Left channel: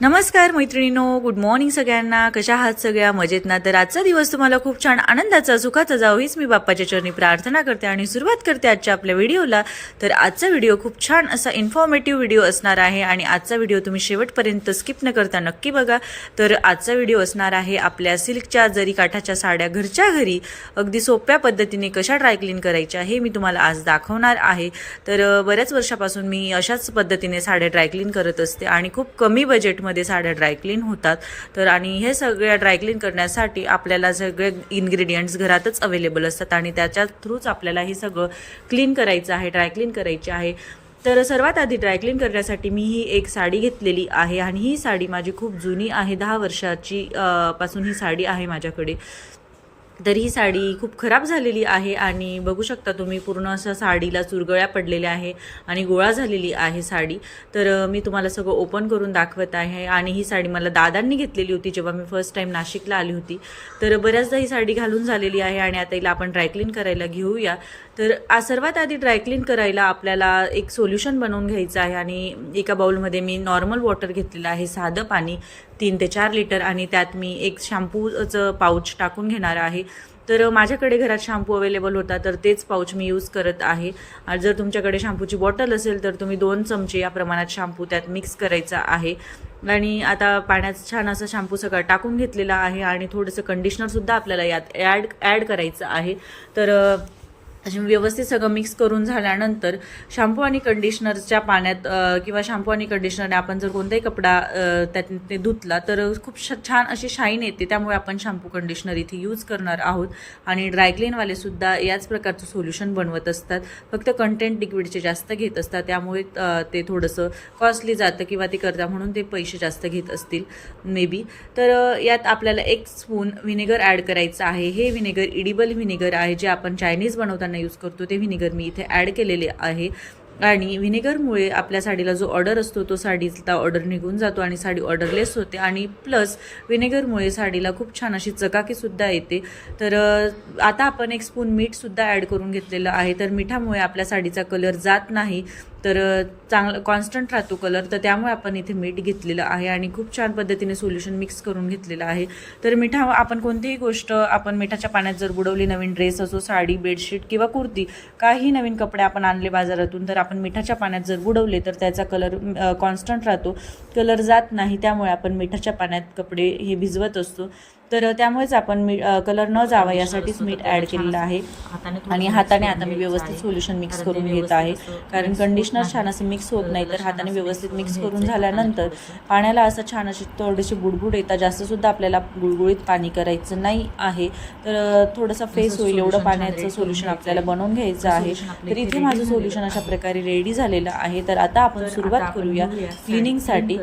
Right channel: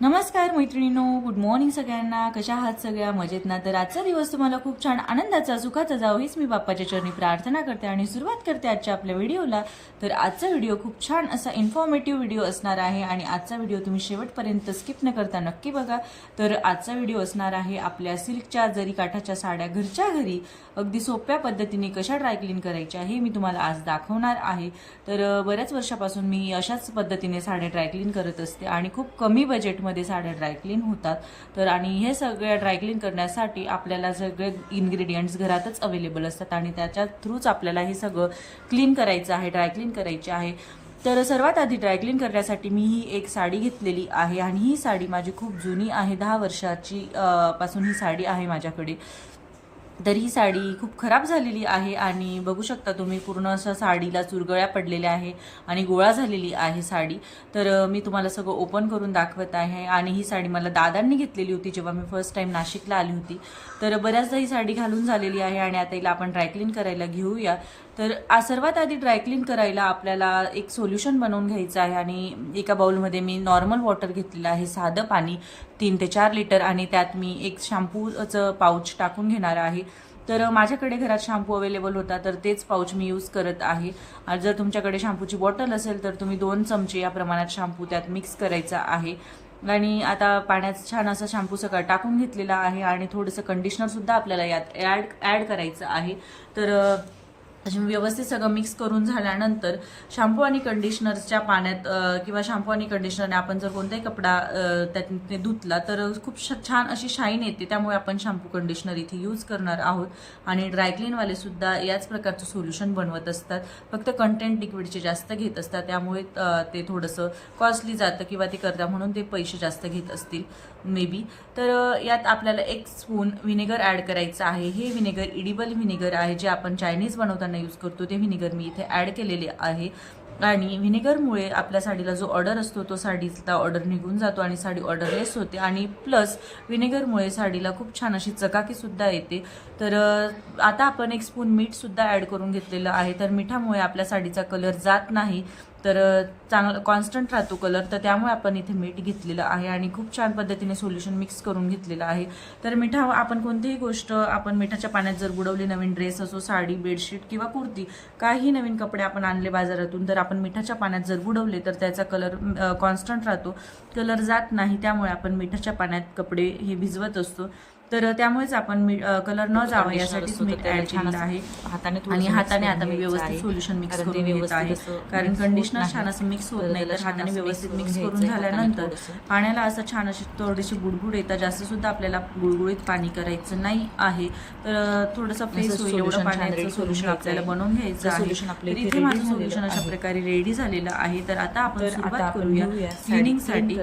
नमस्कार मैत्रिणीनो good morning सगळ्यांना. कशा आहात सगळ्या? मजेत ना? तर आजचा दिवस तुम्हाला खूप छान आनंदाचा सुखाचा जावो हीच मी बाप्पाच्या चरणी प्रार्थना करते आणि सुरुवात करते आजच्या आपल्या व्हिडिओला. तर आजचा व्हिडिओ खूप छान असा इन्फॉर्मेटिव्ह व्हिडिओ असणार आहे आणि आजचा व्हिडिओ तुम्ही शेवटपर्यंत स्किप न करता नक्की बघा. तर आजचा व्हिडिओ असणार आहे आपल्या सिल्कच्या जरी काठाच्या साड्या घरच्या घरी. अगदी सोप्या पद्धतीने कशा ड्रायक्लीन करायच्या हे मी तुम्हाला आज दाखवणार आहे. तर बऱ्याच वर्षापासून मी अशाच पद्धतीने साड्या ड्रायक्लीन करत असते आणि खूप कमी बजेटमध्ये साड्या ड्रायक्लीन होतात. तर आणि हे सगळ्या ड्रायक्लीन करण्यासाठी आपल्याला सगळे इन्ग्रेडियंट्स घरातच अवेलेबल असतात आणि त्याच्या थ्रूच आपल्याला हे सगळं क्लीन करायचं आहे ड्रायक्लीन करायची आहे. तर सर्वात आधी ड्रायक्लीन करण्यासाठी मी ही एक साडी घेतलेली आहे आणि ही साडी माझी खूप जुनी आहे दहा वर्षाची पासून ही साडी आहे माझ्याकडे. तर ही साडी खूप खराब झालेली आहे आणि बघू शकता तुम्ही पूर्ण असं साडीला चुरगळ्या पडलेल्या आहे आणि गोळा झालेली आहे साडी. तर मी तुम्हाला सगळं ओपन करून दाखवत आहे आणि ही साडी मला दादांनी घेतलेली होती जेव्हा मी फर्स्ट टाईम नाशिकला आली होती. तर बऱ्याचदा ही साडी घालून झालेली आहे आणि आता हिला आपण ड्रायक्लीन करायला घेऊया. तर सर्वात आधी ड्रायक्लीन करायला आपल्याला एक सोल्युशन बनवून घ्यायचं आहे आणि एका बाउलमध्ये मी नॉर्मल वॉटर घेतलेलं आहे साधं पाणी तीन ते चार लिटर आणि त्यात मी एक शॅम्पूचं पाऊच टाकून घेणार आहे. तर माझ्याकडे घरात शॅम्पू अवेलेबल होता तर तेच पाऊच मी यूज करत आहे. आणि जर तुमच्याकडे शॅम्पूची बॉटल असेल तर तुम्ही दोन चमचे या प्रमाणात शॅम्पू त्यात मिक्स करायचा आहे. आणि आता पाण्यात छान असं शॅम्पू सगळं टाकून घेतलेला आहे आणि थोडंसं कंडिशनरसुद्धा आपल्याला यात ॲड ॲड करायचं आहे. तर अ, व्यवस्थित सगळं मिक्स करून झाल्यानंतर शॅम्पू आणि कंडिशनरच्या पाण्यात किंवा शॅम्पू आणि कंडिशनरने आपण जर कोणताही कपडा त्यात ते धुतला तर खूप श- छान अशी शाईन येते. त्यामुळे आपण शॅम्पू कंडिशनर इथे यूज करणार आहोत. आणि ड्रायक्लीनवाले सुद्धा याच प्रकारचं सोल्युशन बनवत असतात. फक्त कंटेंट लिक्विडचे जास्त घेत असतात. त्यामुळे ते थोडंसं कॉस्टली जातं किंवा ते करता म्हणून ते पैसे जास्त घेत असतील मे बी तर यात आपल्याला एक स्पून व्हिनेगर ॲड करायचं आहे. हे व्हिनेगर इडिबल व्हिनेगर आहे जे आपण चायनीज बनवताना यूज करतो ते व्हिनेगर मी इथे ॲड केलेले आहे. आणि व्हिनेगरमुळे आपल्या साडीला जो ऑर्डर असतो तो साडीचा ऑर्डर निघून जातो आणि साडी ऑर्डरलेस होते. आणि प्लस व्हिनेगरमुळे साडीला खूप छान अशी चकाकीसुद्धा येते. तर आता आपण एक स्पून मीठसुद्धा ॲड करून घेतलेलं आहे. तर मिठामुळे आपल्या साडीचा कलर जात नाही. तर चांगला चांगलं कॉन्स्टंट राहतो कलर तर त्यामुळे आपण इथे मीठ घेतलेलं आहे आणि खूप छान पद्धतीने सोल्युशन मिक्स करून घेतलेलं आहे. तर मिठा आपण कोणतीही गोष्ट आपण मिठाच्या पाण्यात जर बुडवली नवीन ड्रेस असो साडी बेडशीट किंवा कुर्ती काही नवीन कपडे आपण आणले बाजारातून तर आपण मिठाच्या पाण्यात जर बुडवले तर त्याचा कलर कॉन्स्टंट राहतो. कलर जात नाही त्यामुळे आपण मिठाच्या पाण्यात कपडे हे भिजवत असतो. तर त्यामुळेच आपण मी कलर न जावा यासाठीच मीठ ॲड केलेलं आहे. आणि हाताने आता मी व्यवस्थित सोल्युशन मिक्स करून घेत आहे. कारण कंडिशनर छान असं मिक्स होत नाही तर हाताने व्यवस्थित मिक्स करून झाल्यानंतर पाण्याला असं छान अशी थोडीशी बुडबुड येतात जास्त सुद्धा आपल्याला गुळगुळीत पाणी करायचं नाही आहे. तर थोडंसं फेस होईल एवढं पाण्याचं सोल्युशन आपल्याला बनवून घ्यायचं आहे. तर इथे माझं सोल्युशन अशा प्रकारे रेडी झालेलं आहे. तर आता आपण सुरुवात करूया क्लिनिंगसाठी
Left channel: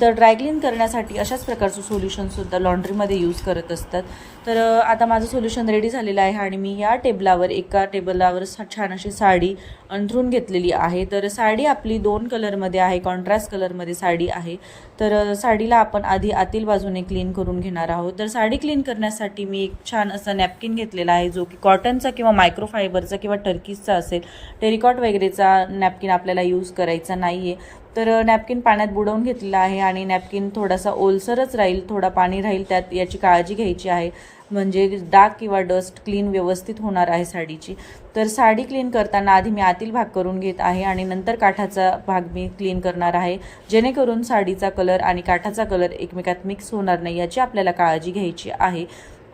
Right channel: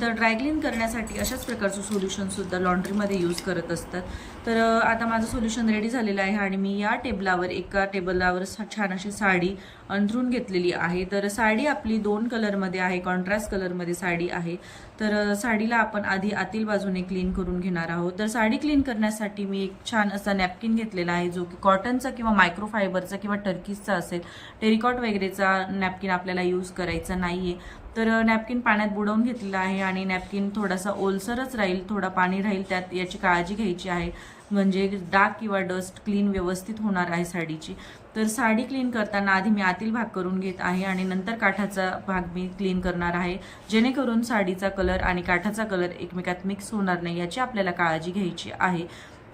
तर ड्रायक्लीन करण्यासाठी अशाच प्रकारचं सोल्युशन सुद्धा लॉन्ड्रीमध्ये यूज करत असतात. तर आता माझं सोल्युशन रेडी झालेलं आहे आणि मी या टेबलावर एका टेबलावर छान अशी साडी अंथरून घेतलेली आहे. तर साडी आपली दोन कलरमध्ये आहे कॉन्ट्रास्ट कलरमध्ये साडी आहे. तर साडीला आपण आधी आतील बाजूने क्लीन करून घेणार आहोत. तर साडी क्लीन करण्यासाठी मी एक छान असा नॅपकिन घेतलेला आहे जो की कॉटनचा किंवा मायक्रोफायबरचा किंवा टर्कीजचा असेल टेरिकॉट वगैरेचा नॅपकिन आपल्याला यूज करायचा नाही आहे तर नॅपकिन पाण्यात बुडवून घेतलेला आहे आणि नॅपकिन थोडासा ओलसरच राहील थोडा पाणी राहील त्यात याची काळजी घ्यायची आहे. म्हणजे डाग किंवा डस्ट क्लीन व्यवस्थित होणार आहे साडीची. तर साडी क्लीन करताना आधी मी आतील भाग करून घेत आहे आणि नंतर काठाचा भाग मी क्लीन करणार आहे. जेणेकरून साडीचा कलर आणि काठाचा कलर एकमेकात मिक्स होणार नाही याची आपल्याला काळजी घ्यायची आहे.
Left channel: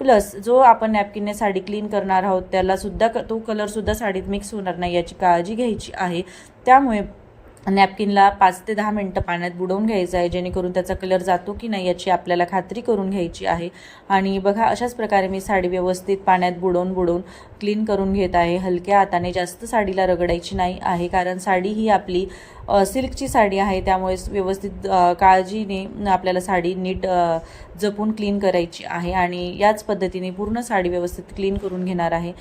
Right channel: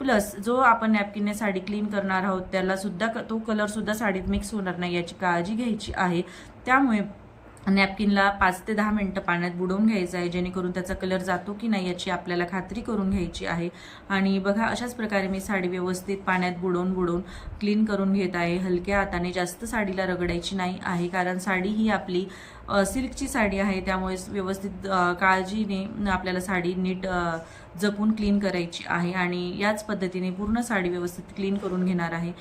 प्लस जो आपण नॅपकिनने साडी क्लीन करणार आहोत त्यालासुद्धा तो कलरसुद्धा साडीत मिक्स होणार नाही याची काळजी घ्यायची आहे. त्यामुळे नॅपकिनला पाच ते दहा मिनटं पाण्यात बुडवून घ्यायचं आहे जेणेकरून त्याचा कलर जातो की नाही याची आपल्याला खात्री करून घ्यायची आहे. आणि बघा अशाच प्रकारे मी साडी व्यवस्थित पाण्यात बुडवून बुडवून क्लीन करून घेत आहे. हलक्या हाताने जास्त साडीला रगडायची नाही आहे कारण साडी ही आपली सिल्कची साडी आहे. त्यामुळे व्यवस्थित काळजीने आपल्याला साडी नीट जपून क्लीन करायची आहे आणि याच पद्धतीने पूर्ण साडी व्यवस्थित क्लीन करून घेणार आहे.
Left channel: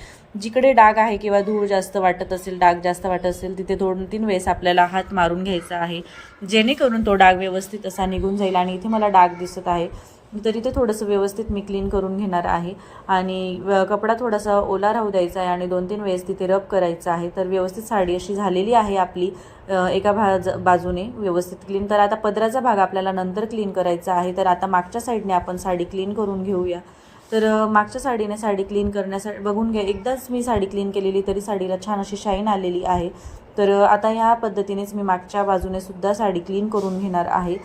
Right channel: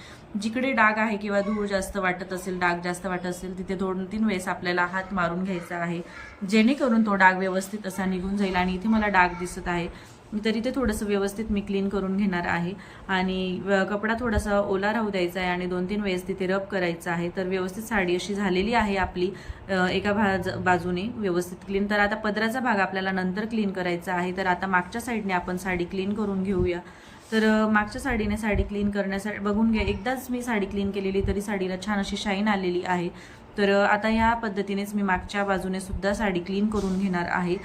जिकडे डाग आहे किंवा धूळ जास्त वाटत असेल डाग जास्त वाटत असेल तिथे दोन तीन वेळेस आपल्याला हात मारून घ्यायचा आहे. जेणेकरून तो डाग व्यवस्थित असा निघून जाईल आणि इथे मला डाग दिसत आहे. मी तरी ते थोडंसं व्यवस्थित मी क्लीन करून घेणार आहे. आणि कपडा थोडासा ओला राहू द्यायचा आहे आणि दोन तीन वेळेस तिथे रब करायचं आहे. तर व्यवस्थित साडी अशी झालेली आहे आपली. एका भाज बाजूने व्यवस्थित क्लीन तर आता पदराचा भाग आपल्याला नंतर क्लीन करायचा आहे. तर आता मागच्या साईडने आपण साडी क्लीन करून घेऊया. तर मागच्या साडीने साडी क्लीन करण्यासाठी बघून घ्या एकदाच मी साडी क्लीन केलेली तरी साडीला छान अशी शाईन आलेली आहे. तर आता ह्या पद्धतीनेच मी मागच्या बाजूने सुद्धा साडी क्लीन करून घेणार आहे.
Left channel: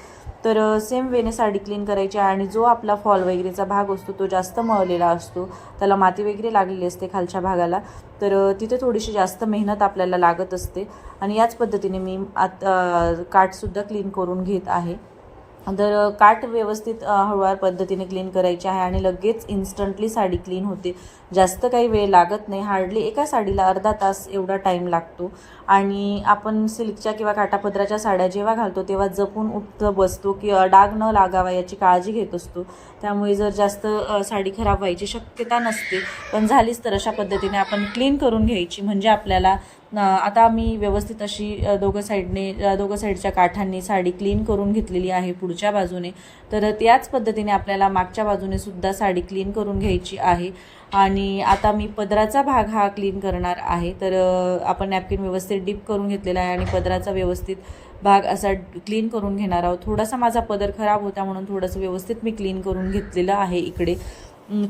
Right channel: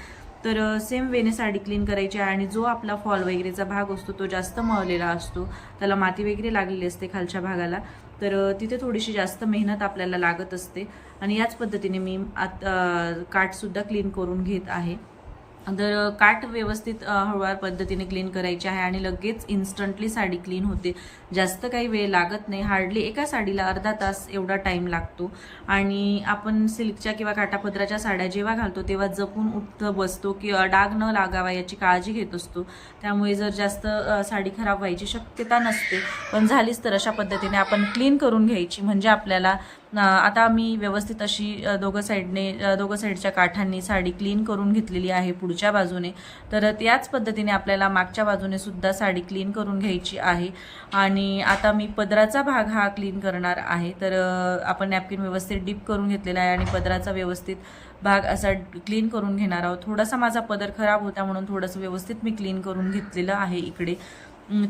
तर सेम वेने साडी क्लीन करायची आहे आणि जो आपला फॉल वगैरेचा भाग असतो तो जास्त मळलेला असतो. त्याला माती वगैरे लागलेली असते खालच्या भागाला. तर तिथे थोडीशी जास्त मेहनत आपल्याला लागत असते. आणि याच पद्धतीने मी आत काठसुद्धा क्लीन करून घेत आहे. तर काट काठ व्यवस्थित हळूवार पद्धतीने क्लीन करायची आहे आणि लगेच इन्स्टंटली साडी क्लीन होते. जास्त काही वेळ लागत नाही. हार्डली एका साडीला अर्धा तास एवढा टाईम लागतो. आणि आपण सिल्कच्या किंवा काटापदराच्या साड्या जेव्हा घालतो तेव्हा जपून उठ बसतो की डाग न लागावा याची काळजी घेत असतो. त्यामुळे जर जास्त साडी खराब व्हायची शक्यता नसते. पण झालीच तर अशा पद्धतीने आपण क्लीन करून घ्यायची. म्हणजे आपल्याला आता मी व्यवस्थित अशी दोघं साईडने दोघं साईडच्या काठांनी साडी क्लीन करून घेतलेली आहे पुढच्या बाजूने. तर त्याच पद्धतीने आपल्याला मागच्या बाजूने सुद्धा साडी क्लीन करून घ्यायची आहे. आणि आता मी पदराचा भाग हा क्लीन करणार आहे. तर आपण नॅपकिन व्यवस्थित डीप करून घेतलेला आहे आणि पदराचा व्यवस्थित भाग असा क्लीन करून घेणार आहोत. थोडासा माझा पदर खराब होता म्हणून थोडंसं व्यवस्थित मी क्लीन करून घेतलेलं आहे इकडे.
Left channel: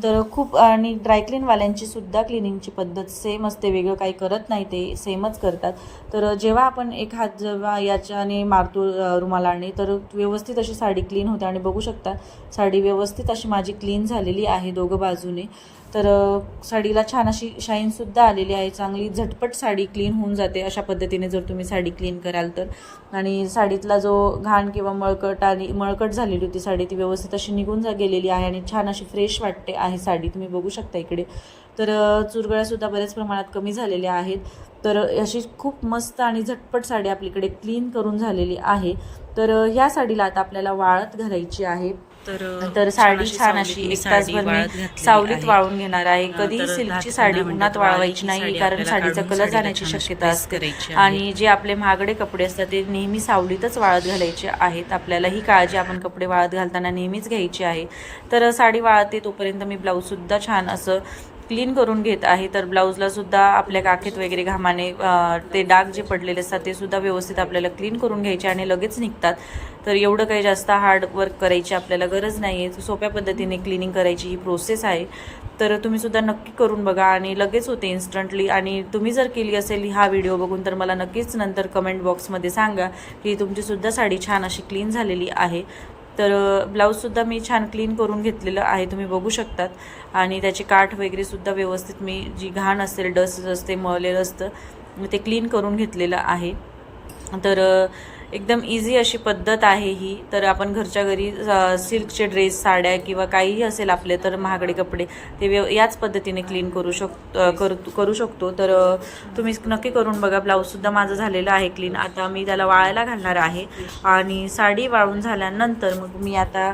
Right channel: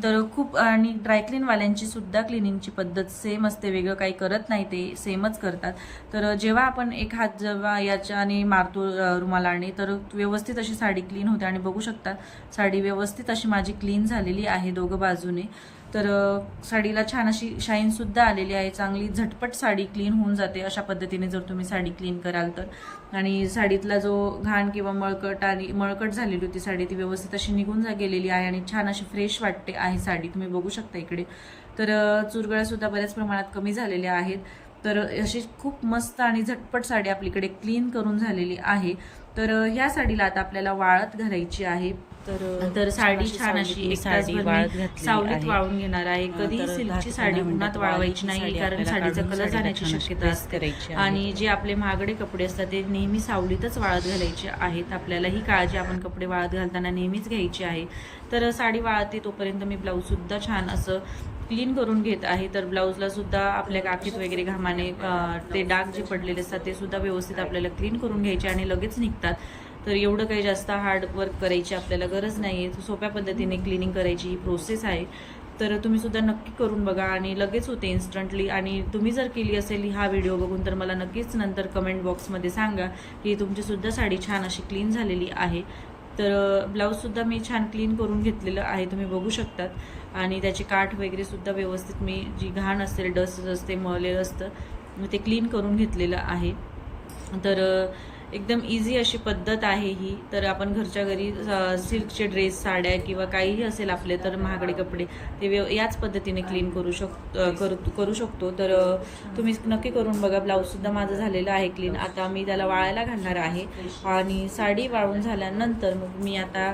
तर खूप आणि ड्रायक्लीनवाल्यांची सुद्धा क्लिनिंगची पद्धत सेम असते वेगळं काही करत नाही ते सेमच करतात. तर जेव्हा आपण एक हात जेव्हा याच्याने मारतो रुमालाने तर व्यवस्थित अशी साडी क्लीन होते. आणि बघू शकता साडी व्यवस्थित अशी माझी क्लीन झालेली आहे दोघं बाजूने. तर साडीला छान अशी शाईनसुद्धा आलेली आहे. चांगली झटपट साडी क्लीन होऊन जाते अशा पद्धतीने जर तुम्ही साडी क्लीन कराल तर. आणि साडीतला जो घाण किंवा मळकट आणि मळकट झालेली होती साडी ती व्यवस्थित अशी निघून जा गेलेली आहे आणि छान अशी फ्रेश वाटते आहे साडी. तुम्ही बघू शकता इकडे. तर चुरगळ्यासुद्धा बऱ्याच प्रमाणात कमी झालेल्या आहेत. तर अशी खूप मस्त आणि झटपट साडी आपलीकडे क्लीन करून झालेली आहे. तर ह्या साडीला आता आपल्याला वाळत घालायची आहे. तर साडी छान अशी सावलीत वाळून घेणार आहे. कधी सिल्कची साडी उन्हात वाळवायची नाही कारण साडीचा कलर जाण्याची शक्यता असते. आणि जे आपले महागडे कपडे असतात ते नेहमी सावलीतच वाळत घालायचे आहेत. आपल्याला ही काळजी आपण कपडे वाळत घालताना नेहमीच घ्यायची आहे. तर साडी वाळते तोपर्यंत मी ब्लाऊजसुद्धा छान असं क्लीन करून घेत आहे. तर ब्लाऊजला सुद्धा आपल्या काखेत वगैरे घामाने ते डाग जे पडलेले असतात ते सुद्धा व्यवस्थित आपल्याला क्लीन करून घ्यायचे आणि लगेच निघतात. तर एवढं काही जास्त हार्ड वर्क करायची आपल्याला गरज नाही आहे सोप्या पद्धतीने क्लिनिंग करायची ही प्रोसेस आहे. तर तुम्ही सुद्धा नक्की करून बघा आणि लगेच होते इन्स्टंटली आणि तुम्ही जर केली असेल हा व्हिडिओ बघून तर मला नक्कीच नंतर कमेंट बॉक्समध्ये सांगा की तुमचीसुद्धा साडी छान अशी क्लीन झालेली आहे. तर ब्लाऊजसुद्धा मी छान क्लीन करून घेतलेलं आहे तुम्ही बघू शकतात. आणि त्याची काठ वगैरेसुद्धा व्यवस्थित मी जी घाण असेल डस्ट असते मळलेलं असतं ते क्लीन करून घेतलेलं आहे. तर एकदम इझी अशी पद्धत आहे ही. तर आपण घरच्या घरी सिल्कचे ड्रेस साड्या किंवा काहीही असेल आपले तर महागडे कपडे ते व्यव याच पद्धतीने क्लीन करू शक करू करू शकतो. तर तुम्ही नक्की करून बघा. ब्लाऊजसुद्धा माझं झालेलं आहे क्लीन आता मी त्याला वाळायला घालणार आहे. आणि साडी वाळून झाल्यानंतर मग मी आता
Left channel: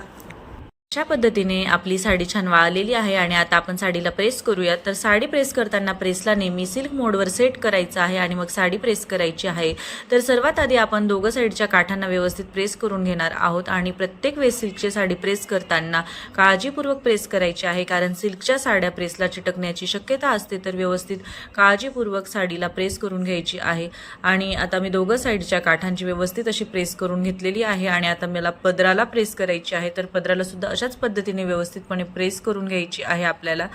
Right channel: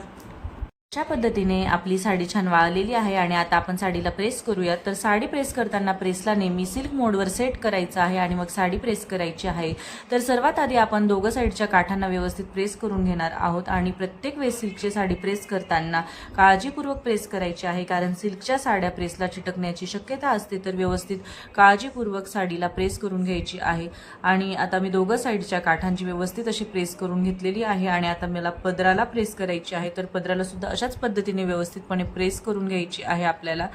अशा पद्धतीने आपली साडी छान वाळलेली आहे आणि आता आपण साडीला प्रेस करूयात. तर साडी प्रेस करताना प्रेसला नेहमी सिल्क मोडवर सेट करायचं आहे आणि मग साडी प्रेस करायची आहे. तर सर्वात आधी आपण दोघं साईडच्या काठांना व्यवस्थित प्रेस करून घेणार आहोत आणि प्रत्येक वेळेस सिल्कची साडी प्रेस करताना काळजीपूर्वक प्रेस करायची आहे कारण सिल्कच्या साड्या प्रेसला चिटकण्याची शक्यता असते तर व्यवस्थित काळजीपूर्वक साडीला प्रेस करून घ्यायची आहे. आणि आता मी दोघं साईडच्या काठांची व्यवस्थित अशी प्रेस करून घेतलेली आहे आणि आता मला पदराला प्रेस करायची आहे. तर पदराला सुद्धा अशाच पद्धतीने व्यवस्थितपणे प्रेस करून घ्यायची आहे आपल्याला.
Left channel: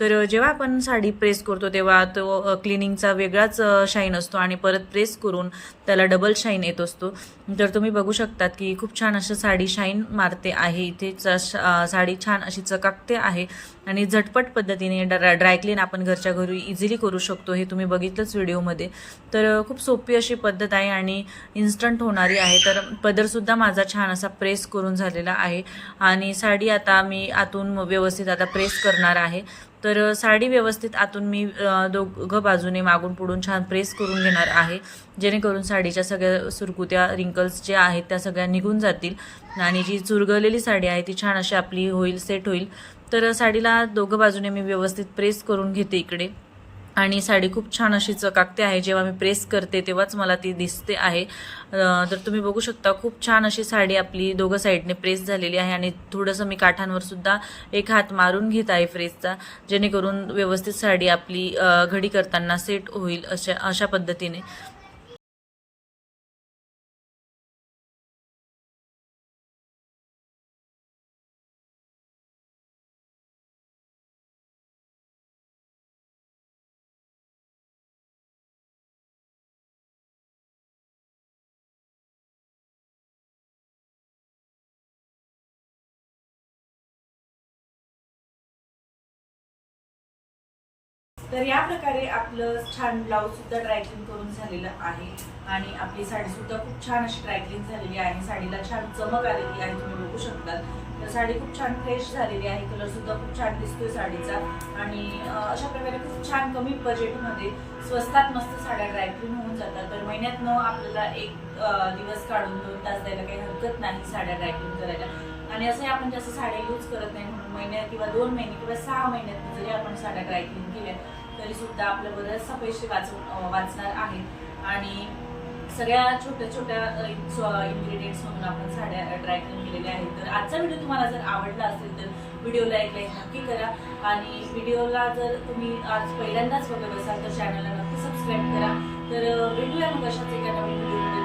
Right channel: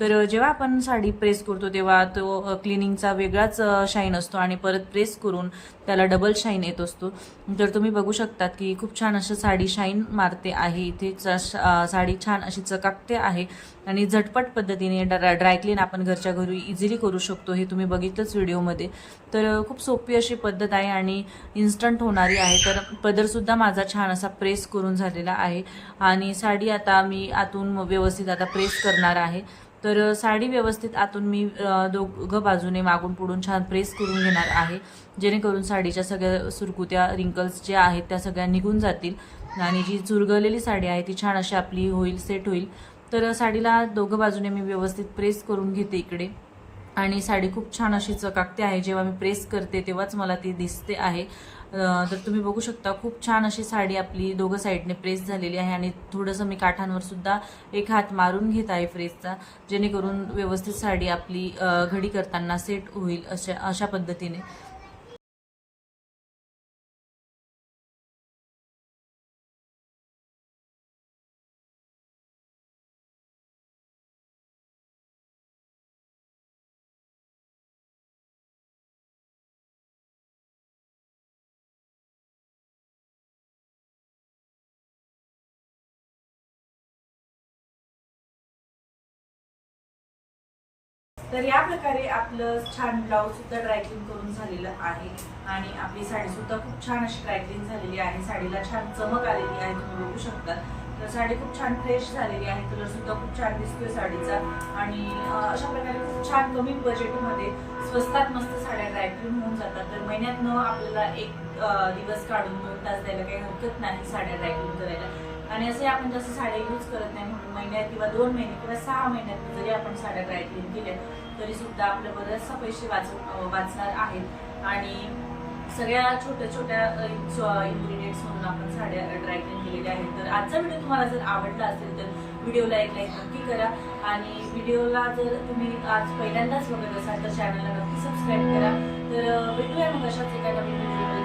तर जेव्हा आपण साडी प्रेस करतो तेव्हा तो क्लिनिंगचा वेगळाच शाईन असतो आणि परत प्रेस करून त्याला डबल शाईन येत असतो. तर तुम्ही बघू शकतात की खूप छान असं साडी शाईन मारते आहे. इथे च- श- साडी छान अशी चकाकते आहे आणि झटपट पद्धतीने ड्रा ड्रायक्लीन आपण घरच्या घरी इझिली करू शकतो हे तुम्ही बघितलंच व्हिडिओमध्ये. तर खूप सोपी अशी पद्धत आहे आणि इन्स्टंट होणारी आहे. तर पदरसुद्धा माझा छान असा प्रेस करून झालेला आहे. आणि साडी आता मी आतून व्यवस्थित आता प्रेस करणार आहे. तर साडी व्यवस्थित आतून मी दोघं बाजूने मागून पुढून छान प्रेस करून घेणार आहे. जेणेकरून साडीच्या सगळ्या सुरकुत्या रिंकल्स ज्या आहेत त्या सगळ्या निघून जातील आणि जी चुरगळलेली साडी आहे ती छान अशी आपली होईल सेट होईल. तर साडीला दोघं बाजूने मी व्यवस्थित प्रेस करून घेते इकडे. आणि साडी खूप छान अशी चकाकते आहे. जेव्हा मी प्रेस करते तेव्हाच मला ती दिसते आहे. तर तुम्ही बघू शकता खूप छान अशी साडी आपली दोघं साईडने प्रेस झालेली आहे आणि थोडंसं मी काठांवर सुद्धा एक हात मारून घेत आहे प्रेसचा जेणेकरून व्यवस्थित साडी आपली घडी करताना सेट होईल अशा अशा पद्धतीने. तर या प्रकारे आपलं छान ब्लाऊज सुद्धा ड्रायक्लीन करून झालेलं आहे. आणि आपली साडी सुद्धा खूप छान अशी ड्रायक्लीन झालेली आहे. साडीला छान चमक आलेली आहे तुम्ही बघू शकता तर साडी खूप छान फ्रेश झालेली आहे. कलर सुद्धा खूप छान दिसतोय साडीचा. आणि अशा प्रकारे खूप छान कमी बजेटमध्ये स्वस्तात मस्त साड्या ड्रायक्लीन होऊन जातात. तर महिन्यातनं आपल्याला एक दिवस काढून दोन तास द्यायला काही हरकत नाही साड्या ड्रायक्लीन करायला. आणि असंही आपण जास्त साड्या यूज करत नाही म्हणून महिन्यात किंवा दोन महिने किंवा सहा महिन्यात जरी आपण साड्या ड्रायक्लीन केल्या तरी सुद्धा आपलं बऱ्याचसा पैसे वाचून वाचणार आहेत. आणि सगळ्या छोट्या छोट्या इन्ग्रेडियंट्स मधून आपण साड्या ड्रायक्लीन केलेल्या आहेत. तर आजचा व्हिडिओ तुम्हाला जर आवडला असेल तर व्हिडिओला एक लाईक नक्की करा. आणि व्हिडिओला जर तुम्ही आज पहिल्यांदाच बघत असाल तर चॅनलला नक्की सबस्क्राईब करा. तर भेटूया मग अशाच एका नवीन व्हिडिओमध्ये